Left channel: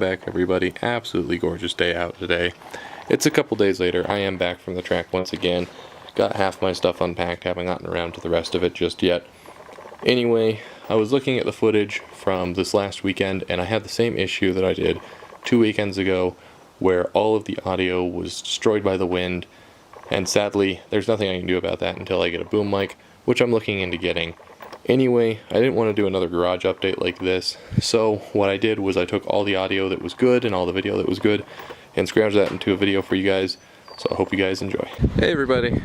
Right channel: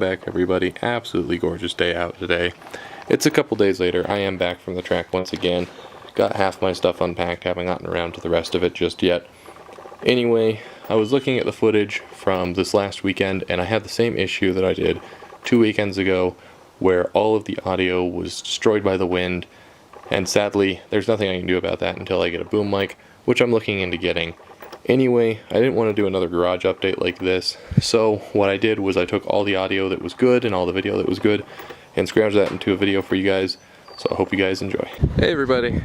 Welcome back, everybody. Absolutely gorgeous day out today. It's a couple days later. I am back from the track once again. Got half my stuff unpacked, haven't gotten around to the rest of it just yet. Anyway, I was looking at the footage from this last weekend, and I had the same issue that I did 2 weekends ago, where all of the audio was destroyed by the wind, and sadly, there's nothing I can do about that until I get a boom mic, which I'm looking into getting. Anyway, I didn't want to do another garage update like this, so what I did was I took all the audio that was good and all the video that was good and scrounged that into a video for you guys, so I hope you guys enjoy. Hey everybody,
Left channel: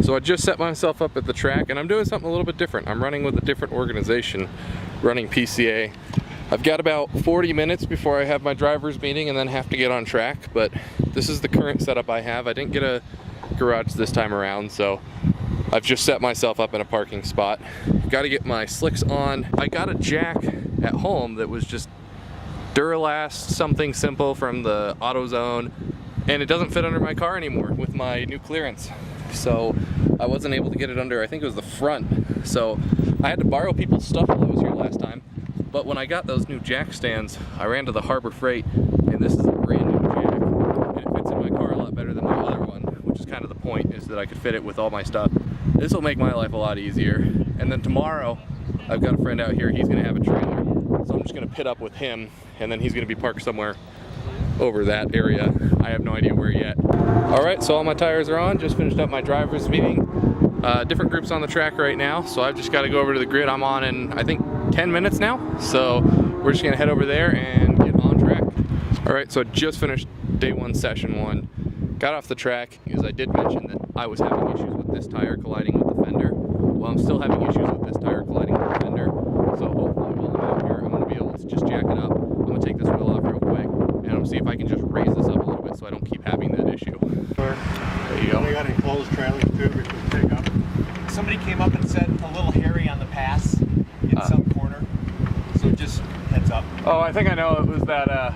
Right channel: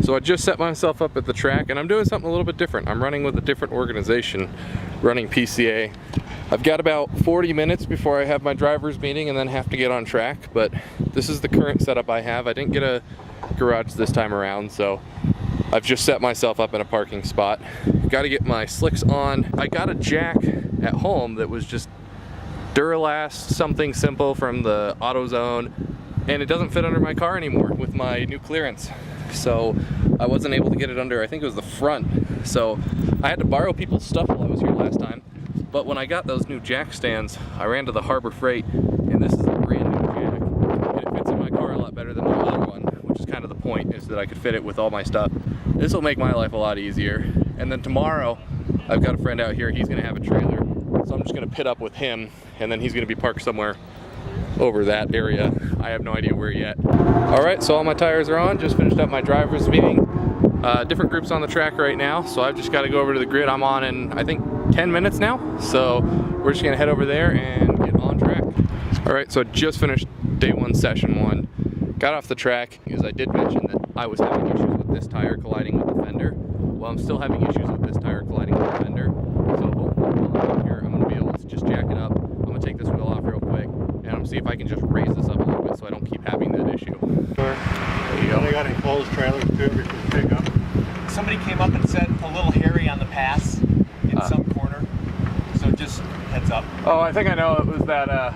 so I just set myself up at the track and I'm doing something a little bit different. I'm running with a different organization, running PCA. I've got about 40 minutes before I have my driver's meeting and then have to get on track, but this is the current setup I have. I didn't get a garage this time around, so I've just set myself up in a parking spot. Got to get my slicks on. I got a jack at home that was just Duralast, something simple from the AutoZone, and it doesn't fit under my car anymore with my new clearance. So I wasn't able to get it under, I think it was the front. So I had to borrow people's stuff while I was here last time. But when I got those new jack stands, I ran to the Harbor Freight, and this is a brand new jack. And it fits in my car a lot better than my other one, which is kind of the point, is that I could fit it with all my stuff. This will make my life a lot easier. And then tomorrow, I've got a friend out here, he's gonna have a trailer. So I'm just gonna pit up with him, and then he's gonna be parked somewhere over that area. I have no idea where yet. All right, so all my tires are on. Just finished up my driver's meeting. Different groups on the track right now, so I've just gotta go over to the grid. I'm on in, I think, 10 minutes now. So we're just gonna head over there and get on track. All right, so I just finished day one, session one. Got off the track, because I did mention that I was having issues with this tire colliding with the fender. Well, I'm still having issues with this tire colliding with the fender. So hopefully while I'm out here, I'm gonna be able to just jack it up. I'm gonna take this wheel off real quick, and I'm gonna see if I can just raise this up a little bit so I don't keep having that issue. There you go. They got enclosed trailers too, we can pick up. Somebody came up and said a little hairy on the pass in some corner. So just heads up. Oh, I think I know. It was that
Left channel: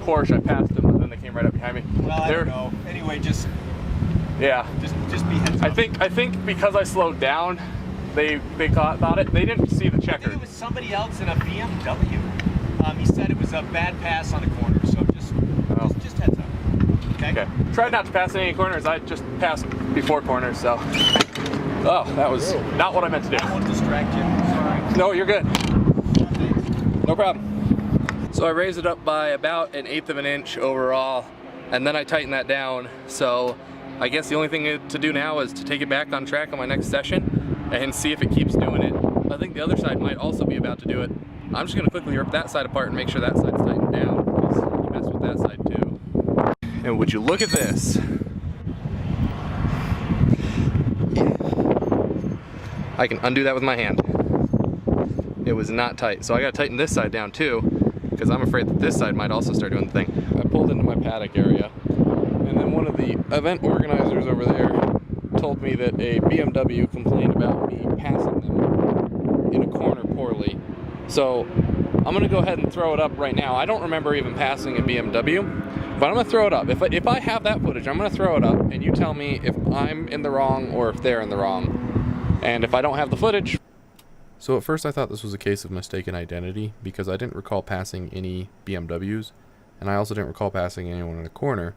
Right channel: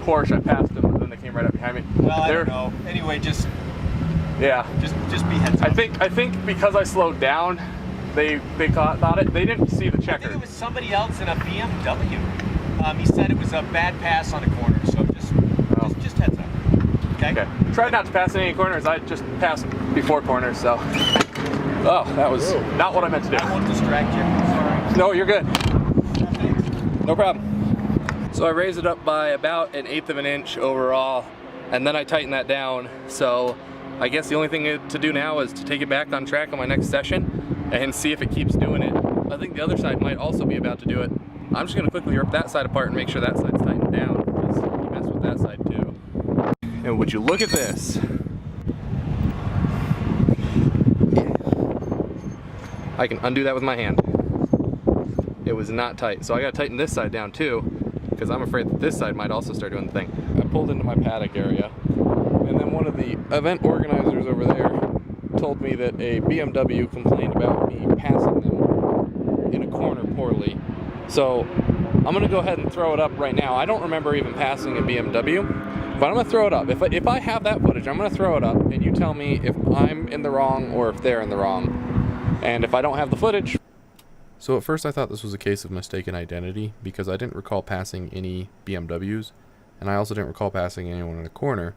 Porsche. I passed them, and then they came right up behind me. Well, I don't know. Anyway, just be heads up. I think because I slowed down, they thought it. They didn't see the checker. I think it was somebody else in a BMW. He said it was a bad pass on a corner, so just heads up. Okay. Tried not to pass any corners. I just passed before corners, so. Oh, that was not what I meant to do. I won't distract you. Sorry. No, you're good. No problem. So I raised it up by about 1/8 of an inch overall, and then I tightened that down. So I guess the only thing to do now is to take it back on track on my next session and see if it keeps doing it. I think the other side might also be about to do it. I'm just gonna quickly rip that side apart and make sure that side's tightened down, because he messed with that side too. And would you look at this? I can undo that with my hand. It was not tight, so I gotta tighten this side down too, because I'm afraid that this side might also start doing the thing. I pulled into my paddock area, and then one of the event organizers over there told me that a BMW complained about me passing them in a corner poorly. So I'm gonna go ahead and throw it up right now. I don't remember even passing a BMW, but I'm gonna throw it up. If I have that footage, I'm gonna throw it up, and you tell me if I'm in the wrong or if they're in the wrong. And if I don't have the footage. So at first I thought this was a case of mistaken identity, because I didn't recall passing any BMWs, and I also didn't recall passing anyone in a corner.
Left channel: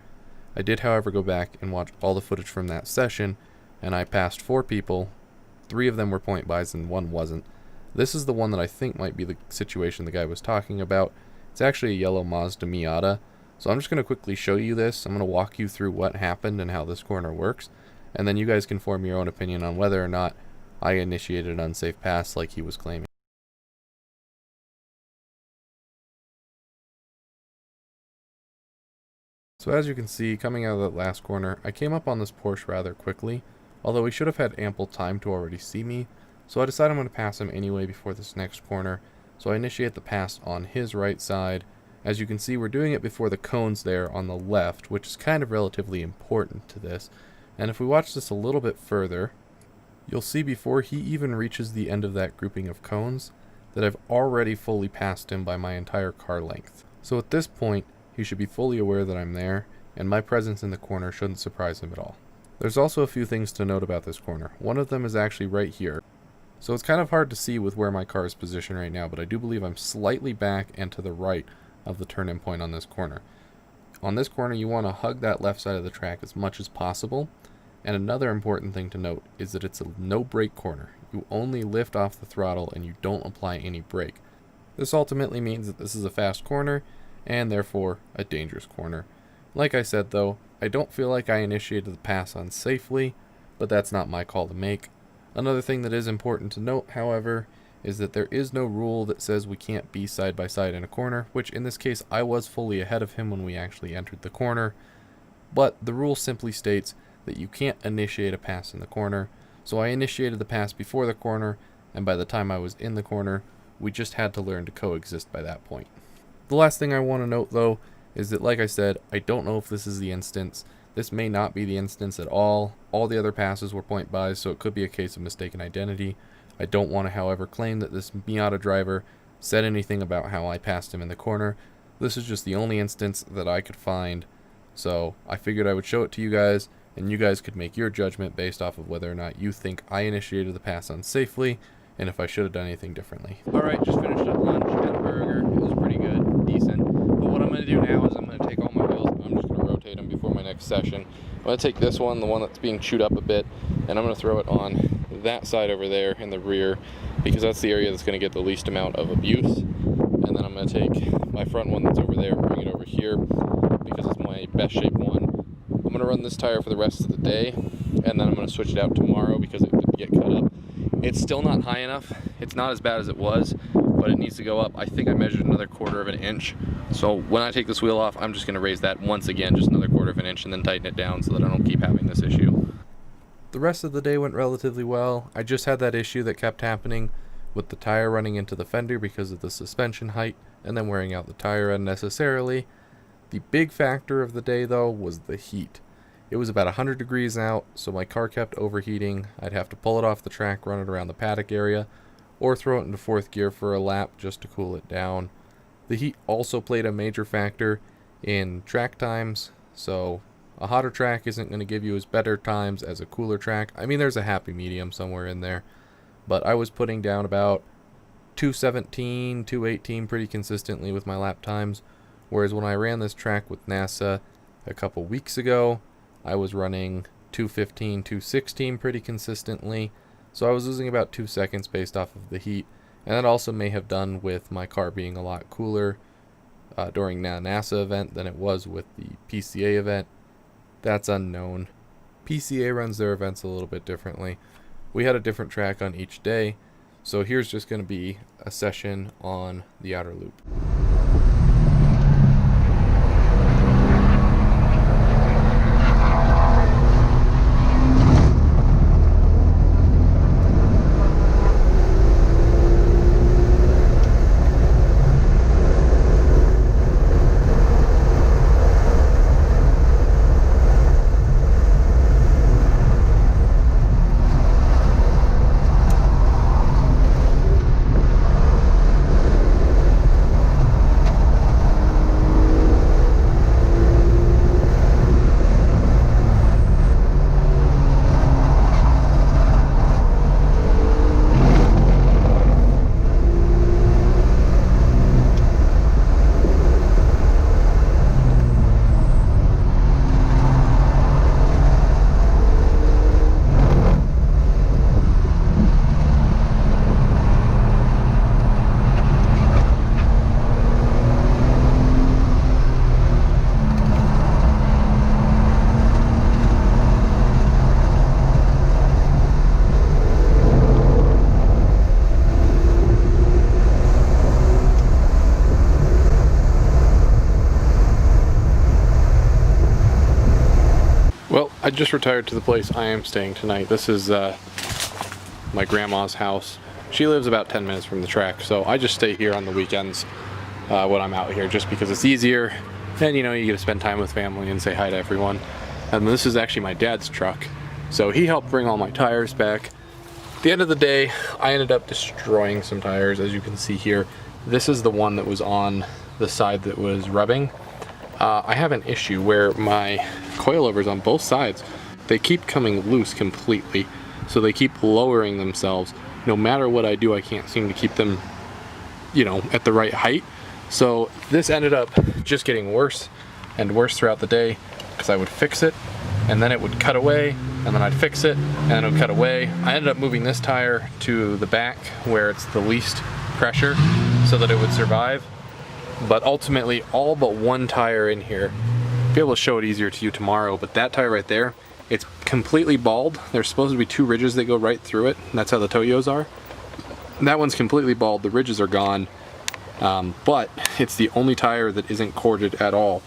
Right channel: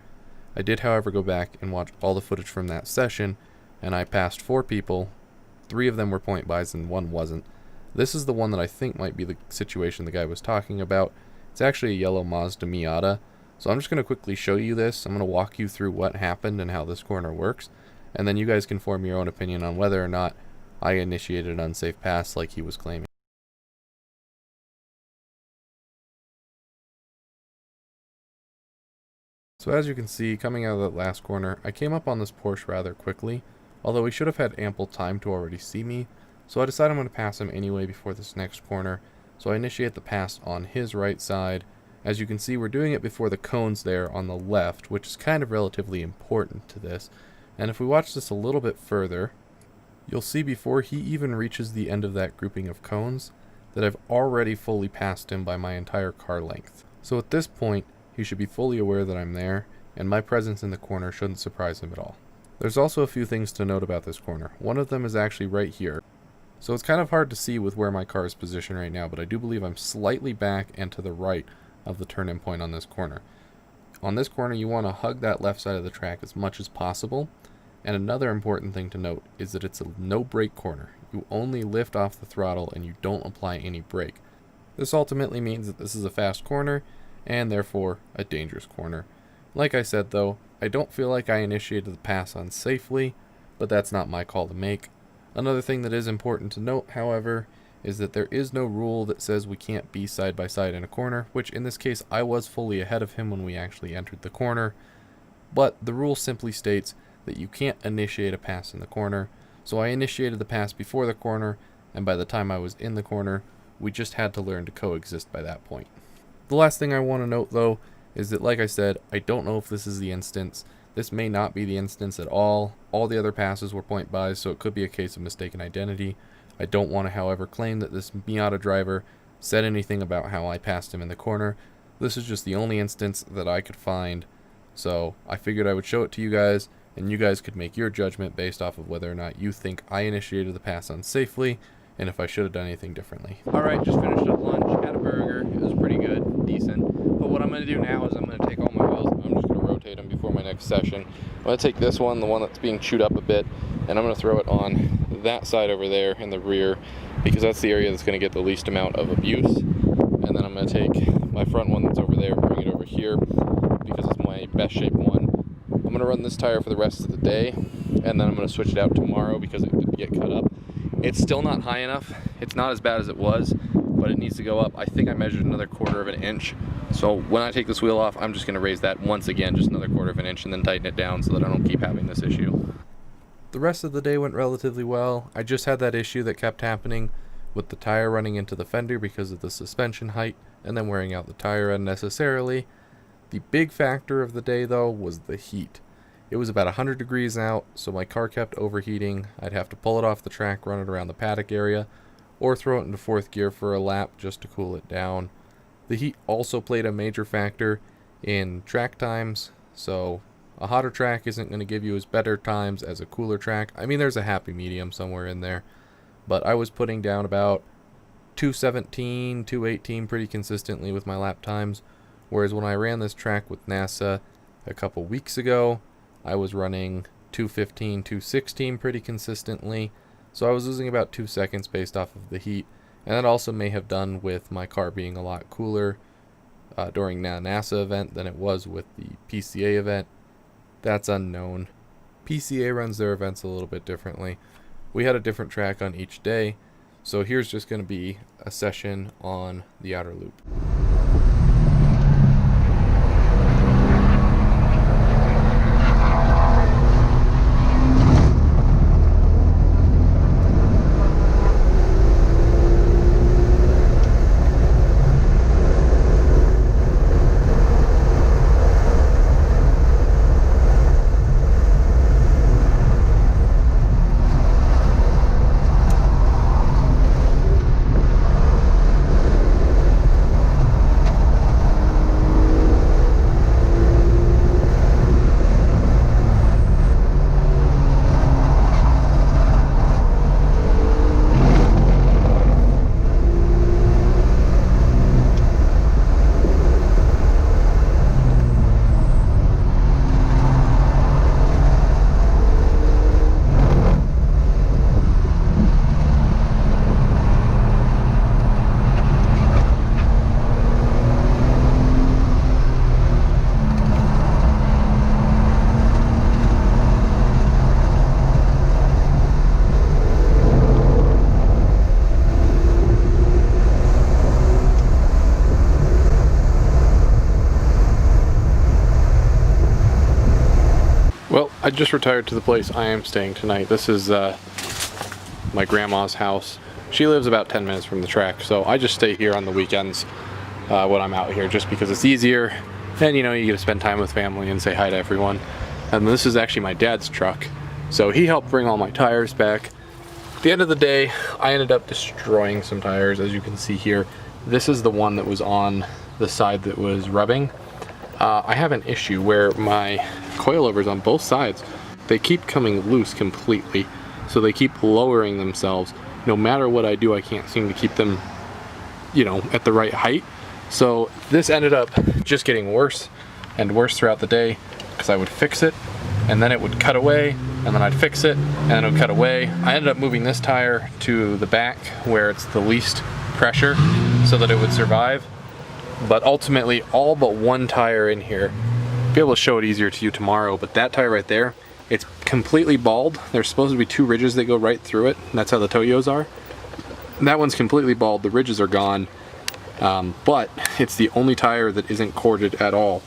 I did, however, go back and watch all the footage from that session, and I passed 4 people. 3 of them were point buys and 1 wasn't. This is the one that I think might be the situation the guy was talking about. It's actually a yellow Mazda Miata. So I'm just going to quickly show you this. I'm going to walk you through what happened and how this corner works, and then you guys can form your own opinion on whether or not I initiated an unsafe pass like he was claiming. So as you can see, coming out of that last corner, I came up on this Porsche rather quickly, although he should have had ample time to already see me, so I decided I'm going to pass him anyway before this next corner. So I initiate the pass on his right side. As you can see, we're doing it before the cones there on the left, which is kind of relatively important to this. And if we watch this a little bit further, you'll see before he even reaches the end of that grouping of cones that I've already fully passed him by my entire car length. So at this point, he should be fully aware that I'm there, and my presence in the corner shouldn't surprise him at all. There's also a few things to note about this corner. One of them is actually right here. So it's kind of hard to see with where my car is positioned right now, but I do believe I'm slightly back and to the right of the turn-in point on this corner. On this corner, you want to hug that left side of the track as much as possible. And another important thing to note is that it's a no brake corner. You only lift off the throttle and you don't apply any brake. This ultimately means that this is a fast corner and therefore a dangerous corner. Like I said though, I don't feel like I initiated the pass unsafely, but that's not my call to make. Another thing that is important to note, however, is that there is no rule that says we can't be side by side in a corner, which in this case I was fully ahead of him when we actually entered the corner. But the rule simply states that you can't initiate a pass in the corner. So I initiated the pass before the corner, and by the time I was in the corner, we just had to learn to coexist by that point. The last thing I want to note though is that, like I said, I don't know if this is the instance. This may not be the instance at all. All the other passes were point buys, so it could be a case of mistaken identity. I don't want to, however, claim that this Miata driver said anything about how I passed him in the corner. This is just the only instance that I could find, so I figured I would show it to you guys, and you guys could make your judgment based off of whether or not you think I initiated the pass unsafely, and if I should have done anything differently. Alright, just finished up lunch, had a burger, it was pretty good, decent. But what I'm going to do now is I'm going to take all my wheels, I'm just going to rotate them before my next session. I'm going to take this one, the one that's being chewed up a bit, and I'm going to throw it on that side over there in the rear, because that's the area that's going to get the least amount of abuse. And then I'm going to take my front one that's over there and bring it over here, because it's my best shaped one. I'm going to run this tire for the rest of the day, and then I'm going to switch it out tomorrow because it did get cut up. It's still not high enough. It's not as bad as it was, but it needs to go up. I think I measured another 1/4 of an inch. So when I take this wheel off, I'm just going to raise that once again, just another 1/4 of an inch, and then tighten it down so that I don't keep having this issue. The rest of the day went relatively well. I just had that issue that kept happening with the tire running into the fender because of the suspension height and then wearing out the tire unnecessarily. The big factor of the day though was the heat. It was about 100 degrees out, so my car kept overheating. I'd have to pull it off the track, run it around the paddock area, or throw it into 4th gear for a lap just to cool it down. The heat also played a major factor in track times, so a hotter track isn't going to give you as better times as a cooler track. I mean, there's a happy medium somewhere in there, but I was putting down about 2:17, 2:18 pretty consistently with my lap times, whereas when I ran this track with NASA a couple weeks ago, I was running 2:15, 2:16 pretty consistently, so I was losing about 2 seconds based off of the heat, and that also may have done with my car being a lot cooler during the NASA event than it was with the PCA event. That's unknown. PCA runs their events a little bit differently. We had a different track on each day, so here's just going to be a session on the outer loop. Well, I just retired to the place I am staying tonight. This is my grandma's house. She lives about 10 minutes from the track, so I just stay here on the weekends when I'm out here just because it's easier. And you know, you get to spend time with family and say hi to everyone. And this is actually my dad's truck, so he helped bring all my tires back. At the end of the day, I ended up destroying some tires, as you can see here. This is the one that was on the side that was rubbing. I have an issue where my coilovers on both sides, they keep coming loose completely, so they keep lowering themselves. No matter what I do, I can't seem to keep them, you know, at the right height. So this ended up just getting worse and worse throughout the day because I would fix it and then it would cut away and then I'd fix it and then it would cut away. I ended up moving this tire to the back where it's the least pressure so that it would survive. But ultimately, all but one tire in here, I'll be able to show it easier to you tomorrow, but that tire right there, it's completely bald. There's supposed to be 2 ridges that go right through it, and that's how the Toyos are. And that one's completely bald, the ridges are gone, but it's the only tire that isn't corded at all.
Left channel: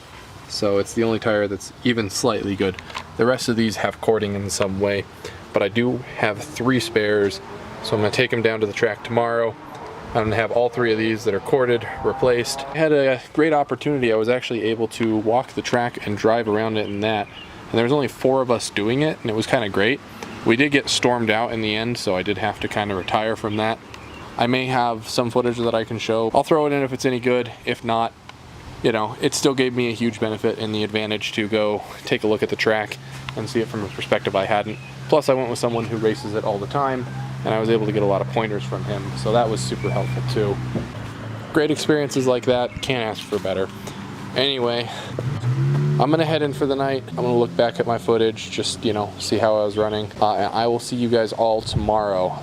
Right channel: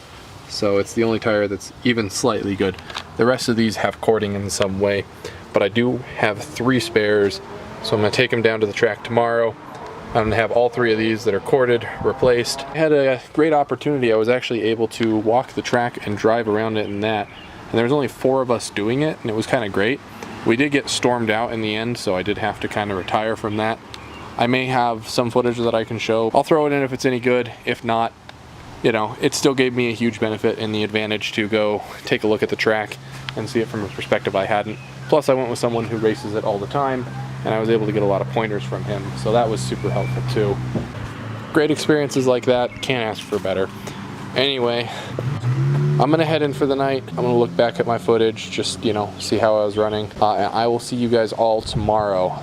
So it's the only tire that's even slightly good. The rest of these have cording in some way, but I do have 3 spares, so I'm gonna take them down to the track tomorrow. I'm gonna have all 3 of these that are corded replaced. I had a great opportunity. I was actually able to walk the track and drive around it in that. And there was only 4 of us doing it, and it was kind of great. We did get stormed out in the end, so I did have to kind of retire from that. I may have some footage that I can show. I'll throw it in if it's any good. If not, you know, it still gave me a huge benefit and the advantage to go take a look at the track and see it from a perspective I hadn't. Plus, I went with someone who races it all the time, and I was able to get a lot of pointers from him, so that was super helpful too. Great experiences like that, can't ask for better. Anyway, I'm gonna head in for the night. I'm gonna look back at my footage, just, you know, see how I was running. And I will see you guys all tomorrow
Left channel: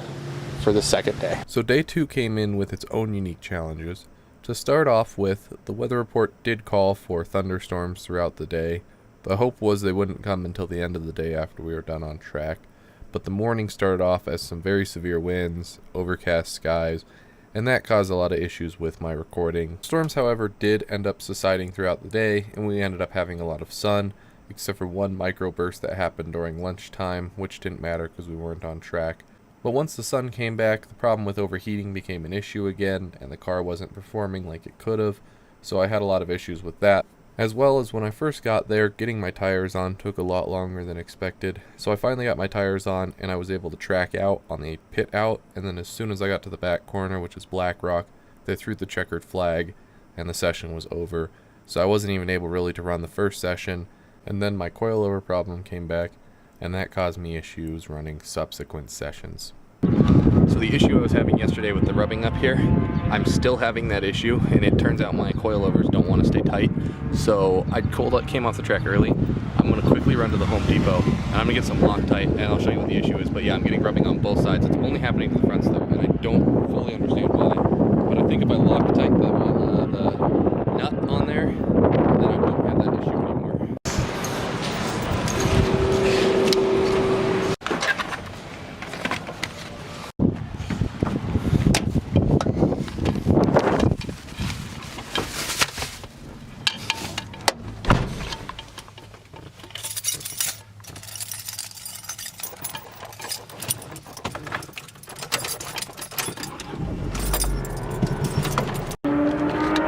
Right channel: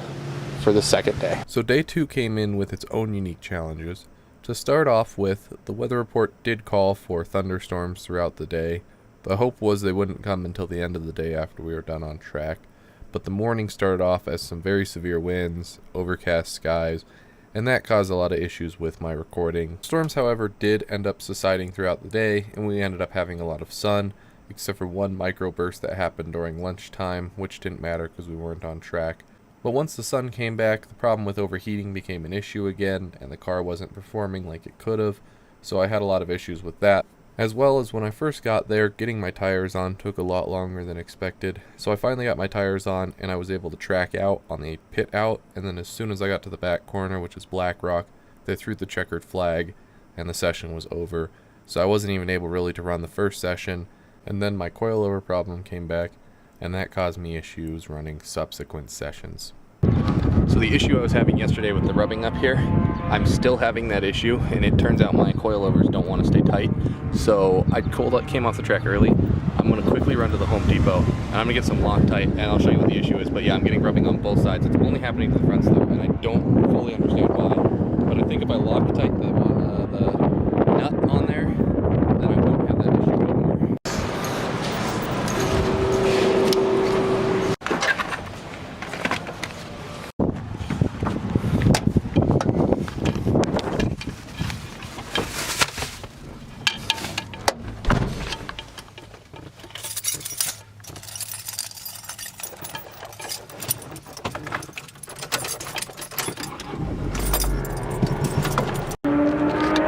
for the second day. So day 2 came in with its own unique challenges. To start off with, the weather report did call for thunderstorms throughout the day. The hope was they wouldn't come until the end of the day after we were done on track. But the morning started off as some very severe winds, overcast skies, and that caused a lot of issues with my recording. Storms, however, did end up subsiding throughout the day, and we ended up having a lot of sun, except for one microburst that happened during lunchtime, which didn't matter because we weren't on track. But once the sun came back, the problem with overheating became an issue again, and the car wasn't performing like it could have, so I had a lot of issues with that. As well as when I first got there, getting my tires on took a lot longer than expected. So I finally got my tires on and I was able to track out on the pit out, and then as soon as I got to the back corner, which is Black Rock, they threw the checkered flag and the session was over. So I wasn't even able really to run the first session, and then my coilover problem came back and that caused me issues running subsequent sessions. So the issue I was having yesterday with the rubbing up here, I'm still having that issue, and it turns out my coilovers don't want to stay tight. So I came off the track early. I'm going to quickly run to the Home Depot, and I'm going to get some Loctite, and I'll show you what the issue is. But yeah, I'm getting rubbing on both sides. It's only happening to the front though, and I don't fully understand why. But I think if I Loctite the nut on there, then I won't have that issue anymore.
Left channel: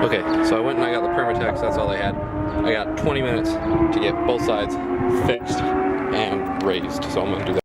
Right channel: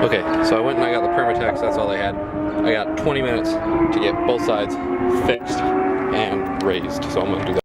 Okay, so I went and I got the Permatex, that's all I had. I got 20 minutes to get both sides fixed and raised, so I'm gonna do that.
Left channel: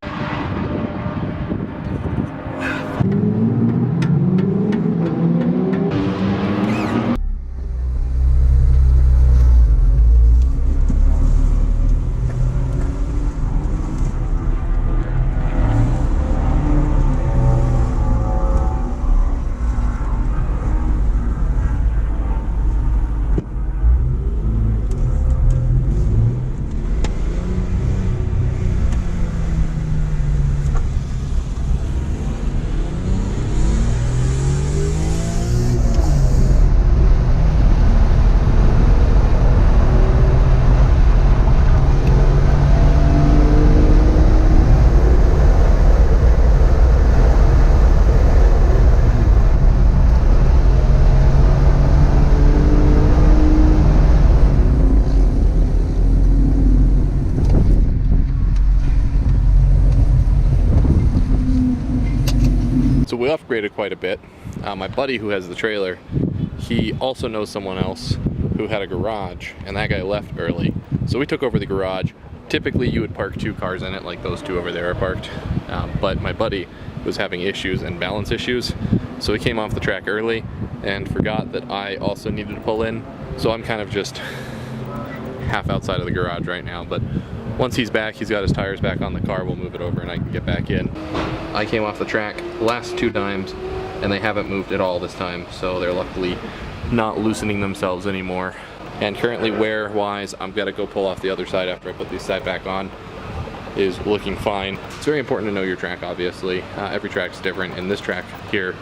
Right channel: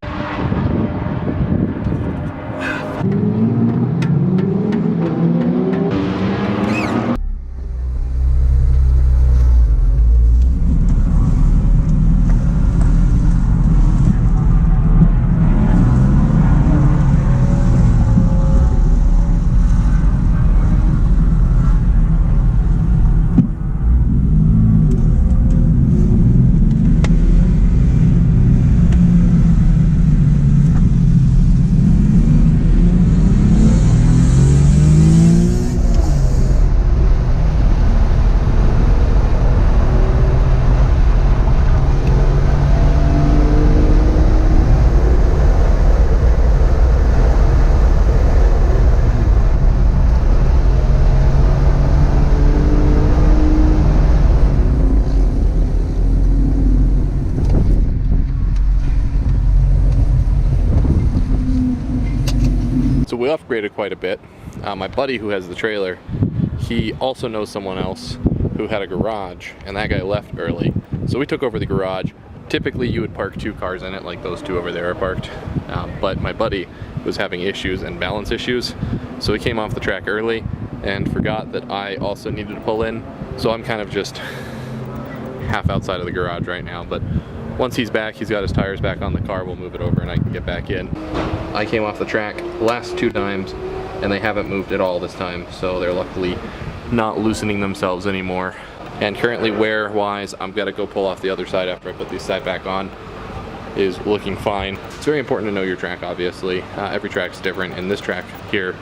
So we upgraded quite a bit. My buddy who has the trailer, he also knows someone else who had a garage, and that guy left early. So we took over the garage. Typically you would park 2 cars in it, like those 2 over there are parked. But my buddy was having issues and balance issues, so he came off the track early and forgot that I also needed to pull in. So I'm kind of just half outside of the garage right now, but once he's back, he's got his tires back on the car, we'll move it over and I can get back in. I came off the track last 2 times and they haven't moved at all this time, so they're luckily not loosening themselves anymore. And currently wear wise, I'm gonna go pull off the other side after I put these side back on, is looking fine. It's very important to know your track, obviously. Every track's different. In this track here,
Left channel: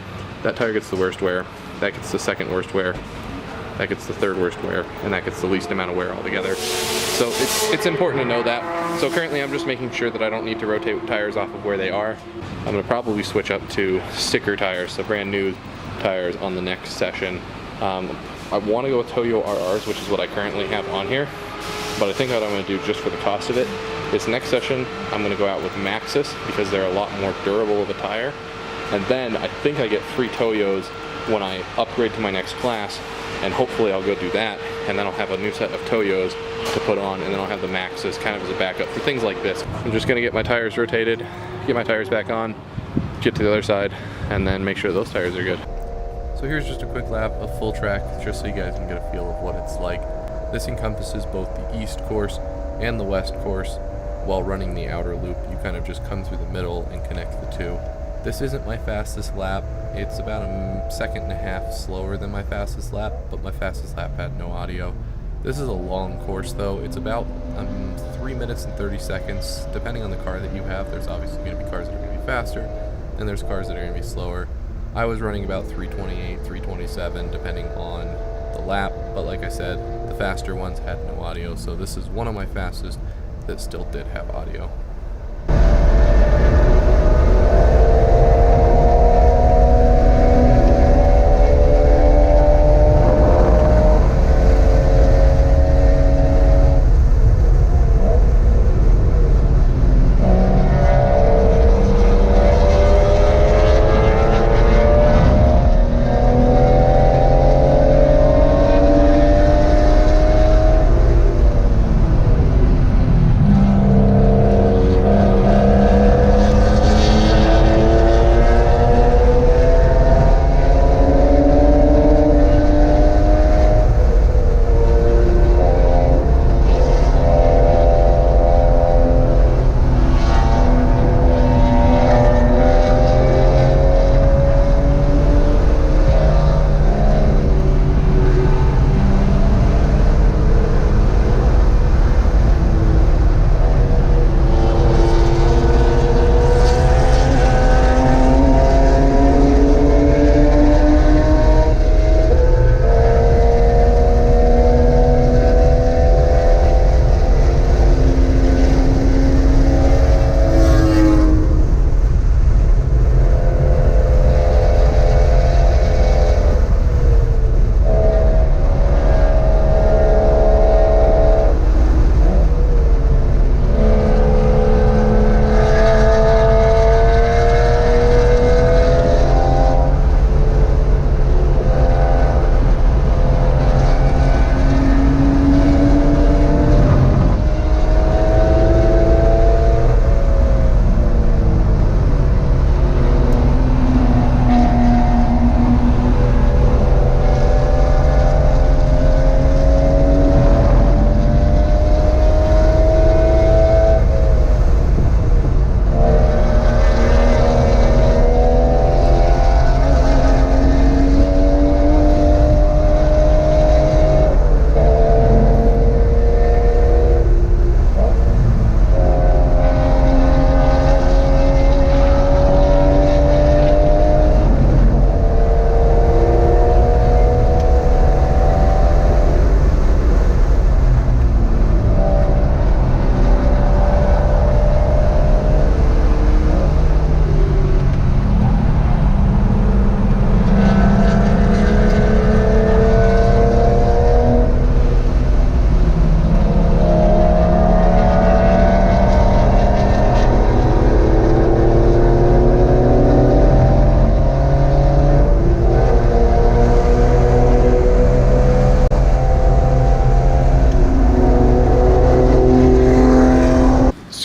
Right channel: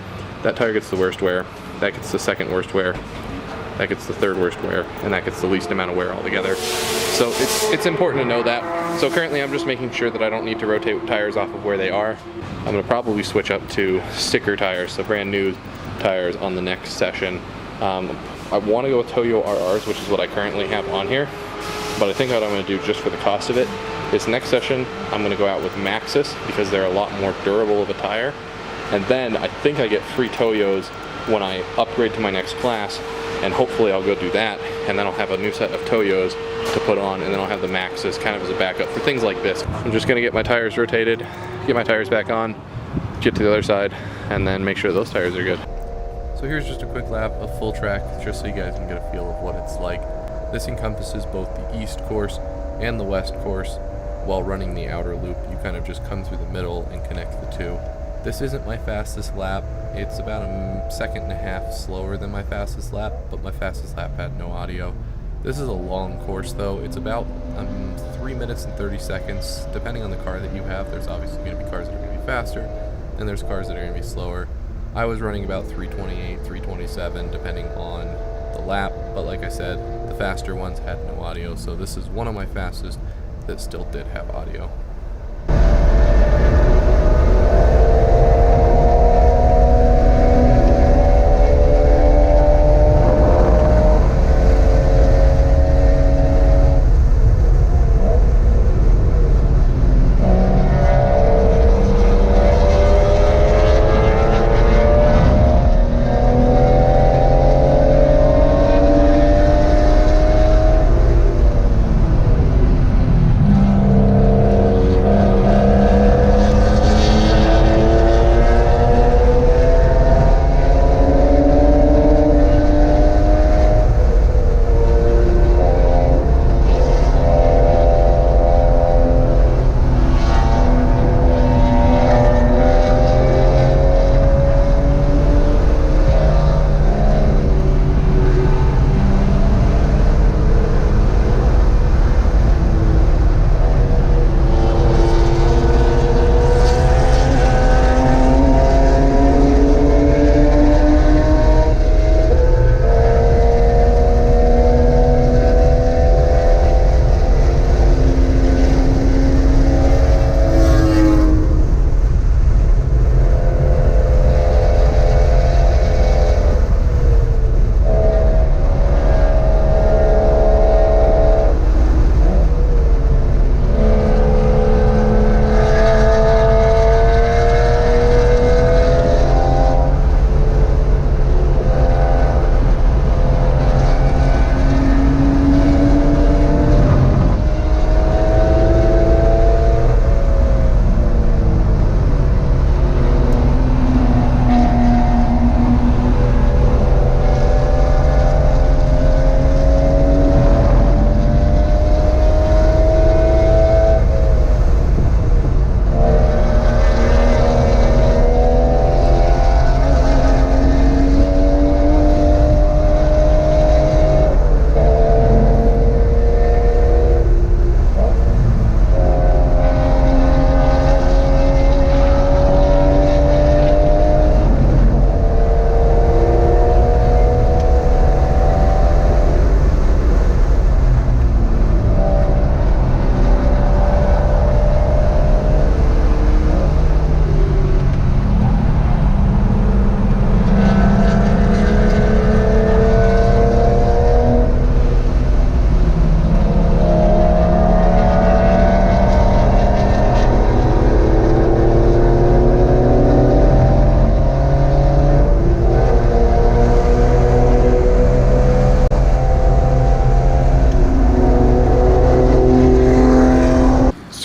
that tire gets the worst wear, that gets the second worst wear, that gets the third worst wear, and that gets the least amount of wear altogether. So it's important to know that. So currently I'm just making sure that I don't need to rotate tires off of where they are. I'm gonna probably switch up to sticker tires, so brand new tires on the next session. I wanna go with Toyo RRs, which is what I currently have on here, but I think what I'm gonna do just for the cost of it is next session, I'm gonna go out with Maxxis because they're a lot more durable of a tire. And then I think I get free Toyos when I upgrade to my next class, and hopefully I'll go do that, and then I'll have a new set of Toyos to put on, and then I'll have the Maxxis kind of as a backup for things like this. I'm just gonna get my tires rotated, get my tires back on, get to the other side, and then make sure those tires are good. So here's just a quick lap of full track, just so you guys can get a feel of what it's like. This encompasses both the east course and the west course. While running the outer loop, you kind of just come through the middle and connect the two. This isn't my fastest lap. It's about a second and a half slower than my fastest lap, but my fastest lap had no audio. This is a long course though. It's about 3 minutes and 30 seconds, depending on the car that you have. There's obviously going to be cars that are going to be faster, and there's cars that are going to be slower. I was running about 328, 327, depending on the lap, but like I said, the faster ones had no audio, so this is one of my fastest that still did have audio.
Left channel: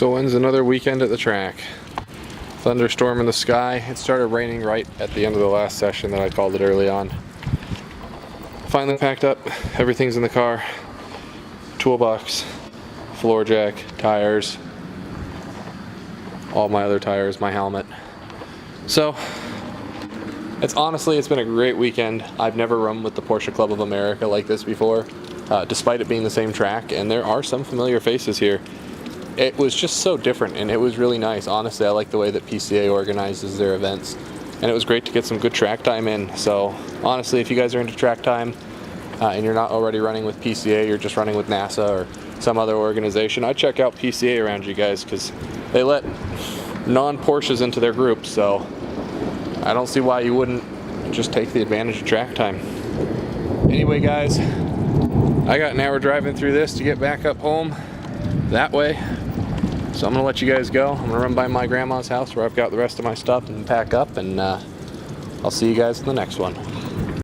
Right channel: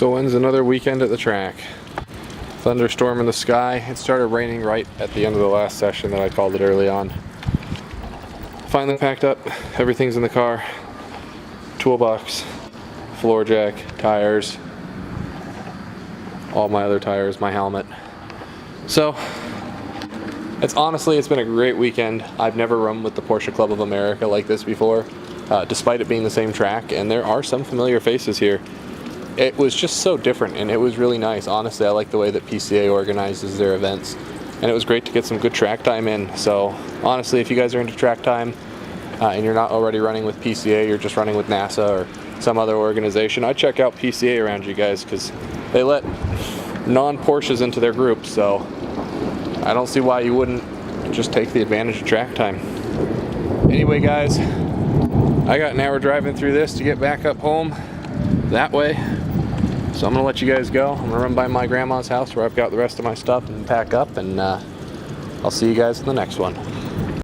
So ends another weekend at the track. Thunderstorm in the sky. It started raining right at the end of the last session that I called it early on. Finally packed up, everything's in the car. Toolbox, floor jack, tires, all my other tires, my helmet. So, It's been a great weekend. I've never run with the Porsche Club of America like this before, despite it being the same track, and there are some familiar faces here. It was just so different, and it was really nice. Honestly, I like the way that PCA organizes their events, and it was great to get some good track time in. So honestly, if you guys are into track time and you're not already running with PCA, you're just running with NASA or some other organization, I'd check out PCA around you guys, because they let non-Porsches into their group, so I don't see why you wouldn't just take the advantage of track time. Anyway, guys, I got an hour driving through this to get back up home that way, so I'm gonna let you guys go. I'm gonna run by my grandma's house where I've got the rest of my stuff and pack up, and I'll see you guys in the next one.